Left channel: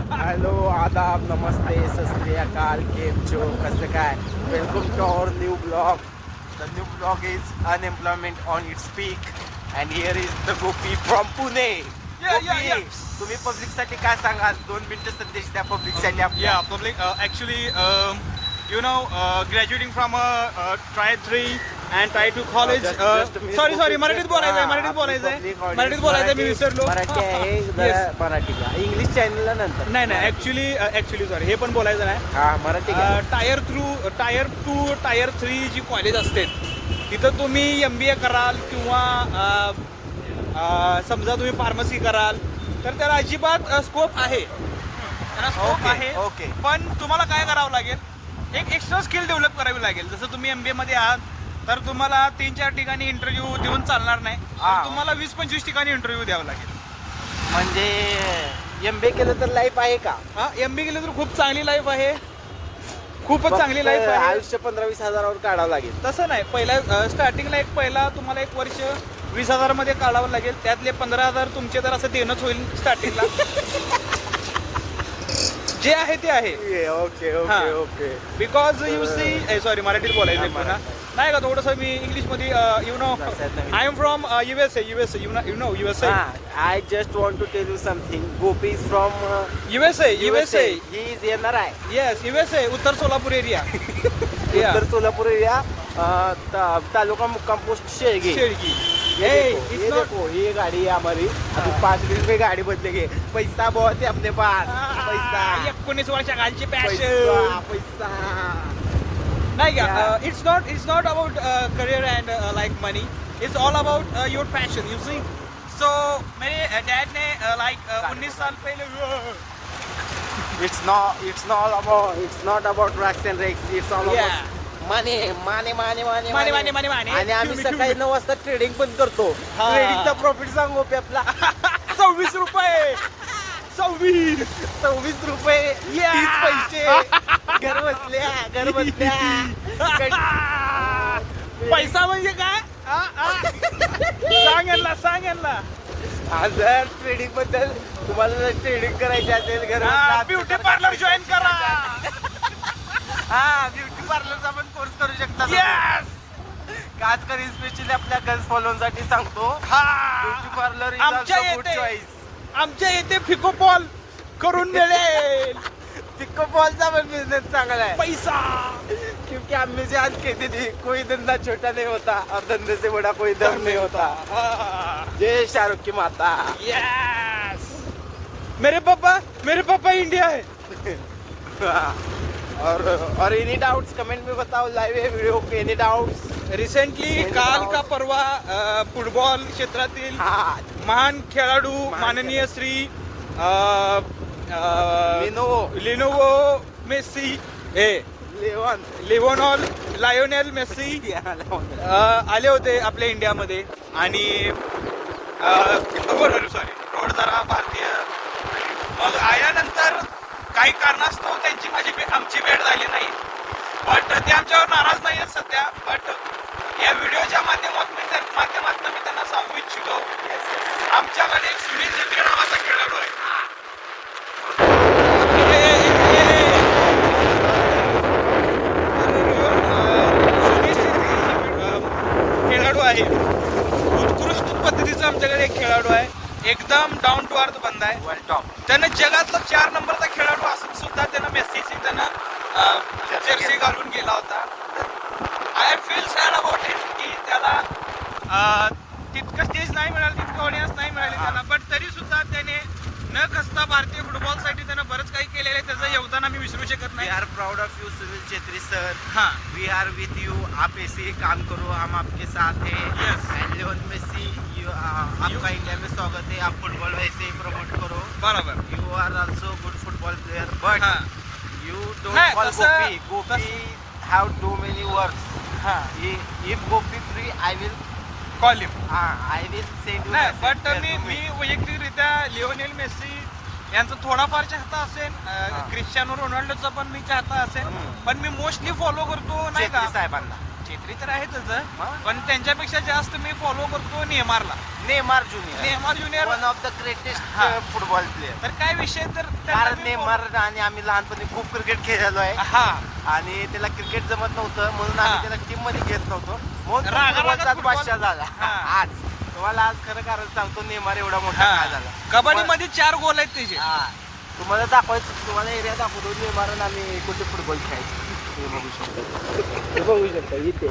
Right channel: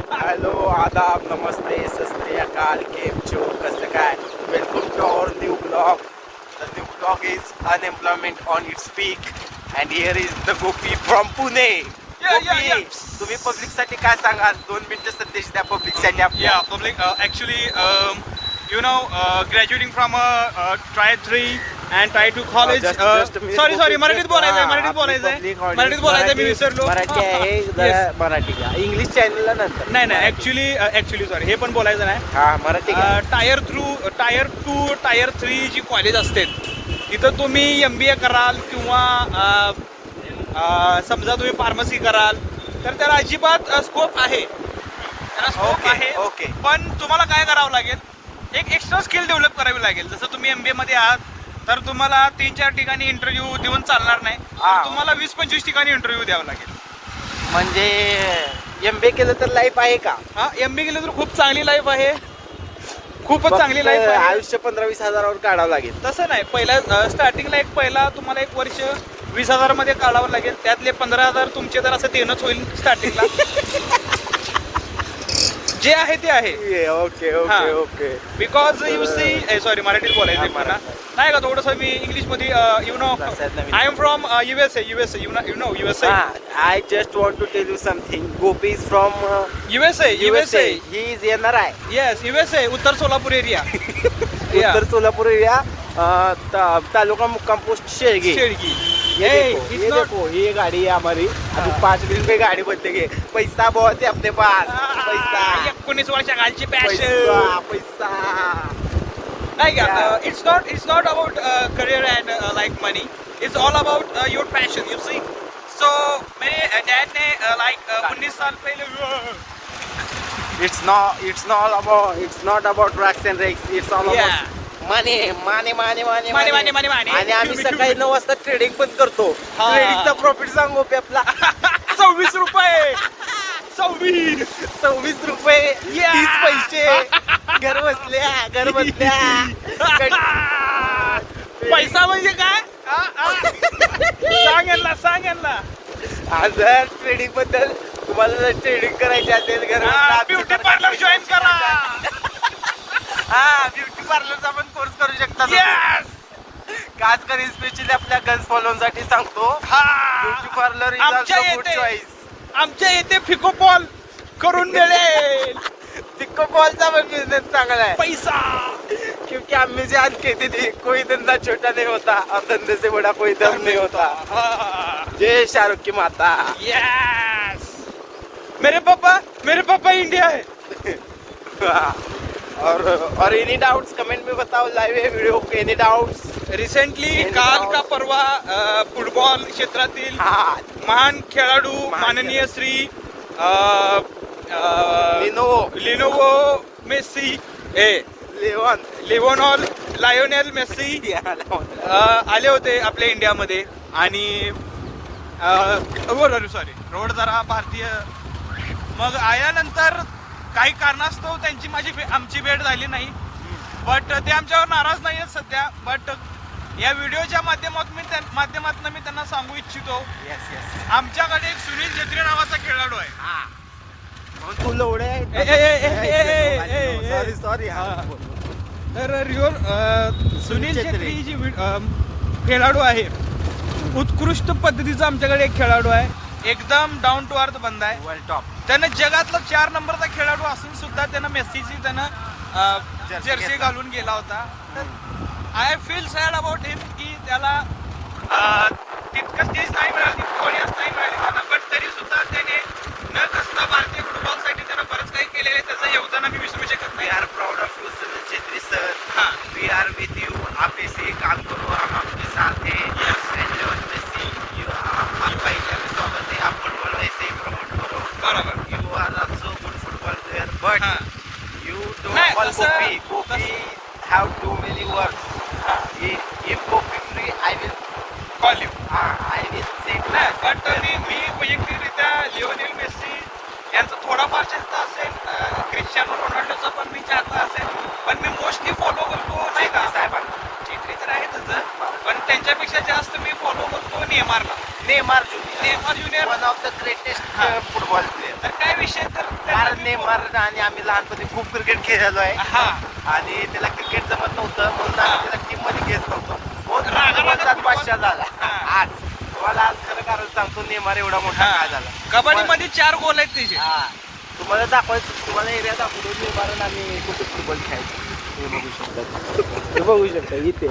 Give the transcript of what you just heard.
Hello, आदाब, नमस्ते, सत श्री अकाल, केम छो, कसं काय? Welcome to our new blog. The new blog is unemployment on its peak and here is the Gopi from Pune. Gopi, तुम्ही पब्लिकसाठी काय सांगाल? 2 मिनिटं संदेश द्या पब्लिकसाठी आपल्या. Yeah, public. Actually, graduating from Try 3 and Try 2 college. Sorry, मराठीत बोलायचंय. मराठीत बोलायचंय, मी विसरलो. मराठी आहे, जरा मराठी घ्या. इंग्लिश चॅनलला नंतर. नाही, ऍक्च्युली सॉरी, हे पण बोलायचं नाही. हा, मराठी घ्या. टायर 2, टायर 3 जी कॉलेज असते तिथं तुम्ही MBA कराल किंवा समजा तुम्ही फार्मसी कराल तर त्याला अजिबात स्कोप आहे. त्याला स्कोप आहे. ओके. पण तुम्हाला काय करावं लागेल, एक एक्स्ट्रा स्किल डेव्हलप करावी लागेल. जसं तुम्ही MBA मध्ये आहात तर तुम्हाला 3-4 ठिकाणी इंटरव्ह्यू देऊन चालणार नाही. तुम्हाला 20-25 ठिकाणी इंटरव्ह्यू द्यावा लागेल. म्हणजे MBA केलं तर लाईफ आहे का? MBA केलं तर खूप चांगली लाईफ आहे. खूपच चांगली लाईफ आहे. आयुष्य 15-20 हजारावर काढावं लागेल. तसं नाही, पहिल्या स्टार्टिंगला तुम्हाला 1 वर्ष 20,000 मध्ये काढावं लागेल. त्यातले 15,000 तुमचे तर असं देणंच होईल स्टार्टिंगला. जे आहे ते आहे. Okay. Because you see, sorry मराठीत बोलायचं पुन्हा नाही का, थोडंसं मी इंग्लिश मध्ये I am from USA. You know USA. I just want to tell you something. Gopi is from USA. He is येणार आहे. येस, USA, उत्तर सोलापूर एरिया. उत्तर सोलापूर एरिया, तालुका मुक्काम पोस्ट शेळगी. ये देखो, ये गाड़ी है हमारी. अभी 5 मिनट में गाड़ी बदलेंगे. पैसा बहुत है अपने पास. पैसा 19 वर्षाखालची पैसा पॅशन पैसा. नाही का. It's not about career and like money. It's all about your passion. You see. So मेरे डैड ने 19 साल पहले It's not about drugs and drugs. It's all about money. आणि आम्ही सकाळी 9 वाजता ट्रेडिंग पण करतो. ट्रेडिंगचा प्रॉफिट सांगू पे आपला 26 रुपये. 26 रुपये 30 पैसे घर बसल्या. पैसा म्हणजे काय? सांग यांना. आज ट्रेडिंग बद्दल तुम्हाला जर ट्रेडिंग करायची असेल घर ब्युटी पार्लर जॉईन करा. ब्युटी पार्लरचा पण कोर्स करू शकता. Yes. खास करून स्पेशली आपल्या गर्ल्स फॉलोअर्ससाठी सांगतो. ब्युटी पार्लर इज आमच्या ऑल्सो गुड येथे- चॉईस. आमच्या इथे फिकोपॉल करून मिळेल. पिको बॉलचा पण बिझनेस चांगला है. पैसा क्योंकि हमने से आज कहती थी कोई धंधा छोटा नहीं होता, अब धंधे से बड़ा कोई धर्म नहीं होता. जय शाहरुख की माता. यस. मेरे पापा इंडिया है. और एनी डाउट्स कमेंट में बताओ. लाइव है वीडियो के. Any doubts. रिसेंटली काल का परवा फुटबॉल क्षेत्रातील महान खेळाडू माननीय Shri Lionel Messi Lionel Messi आले होते आपल्या इंडियामध्ये. आणि सॉरी रोड जरा भारतीय. मग आल्यानंतर काही कारणास्तव आमची भेट झाली नाही. बट ते आमच्यावर नाराज नाही आहेत सध्या. बट या व्हिडिओच्या माध्यमातून मी त्यांना सांगू इच्छितो, आमच्याकडे एक सुनील छेत्री नावाचा खेळाडू आहे. सुनील छेत्री खेळाडू आहे. उत्कृष्ट पद्धतीचा आमच्याकडे एक खेळाडू आहे. एकदम डाऊन टू अर्थ बंद आहे. त्यानं जगातला 4 नंबरचा खेळाडू असून सुद्धा त्यानं मेसीची जर्सी घालून गेला होता. I feel sad about it की त्याला तितकं स्टेज नाही मिळाली, तितकं ऑडियन्स नाही मिळाली त्यांना. बट तरी सुद्धा त्याने न कसता भारतीय फुटबॉलसाठी त्यानं बरंच काही केलेलं आहे. त्याचं योगदान आम्ही विसरू शकत नाही. We are proud of you Sunil Chhetri sir. We are with you. आप ऐसे ही काम करो, हम आपके साथ हैं. एंड लियोनेल मेसी, आपका इंडिया में स्वागत है. आप फुटबॉल वैसे ही प्रमोट करो. बरोबर. You are also good football player. But you don't नाही, call तसं- Gopi have too many words. If Gopi free, I will call you. I will say to नाही, myself, बट मी वैयक्तिकरित्या लिओनेल मेसी यांचं थोडाफार चाहता असेल. क्रिस्टियानो रोनाल्डोचा पण मी चाहता असेल. पण मी मोस्टली फॉलो करतो नाही का, साहेबांना. छेत्री तर आहे त्याचं, पण त्यांच्यापेक्षा जास्त मी फॉलो करतो नेमारला. Neymar junior Neymar junior. One of the greatest हा. Football player. तर काय विषय तर कारण नेमार आणि आम्ही लहानपणी खूप क्रिकेट खेळलेलो आहे हा आणि त्याला क्रिकेट जमत नव्हतं म्हणून हा. आम्ही त्याला टीम मध्ये घेत नव्हतो. बहुत रागारागात फुटबॉलचा फुटबॉल. बादशाह झाला हा. आज. तुम्हाला आज खरं कारण सांगतो नेमार एवढा मोठा हा. काय झाला. कबड्डी मध्ये 4 गोल आहेत त्याचे. हा. तुम्हाला दाखवायचं तुम्हाला एरिया दाखवतो नेमार आम्ही कुठे फुटबॉल खेळायचो. तुम्ही बघू शकता इथे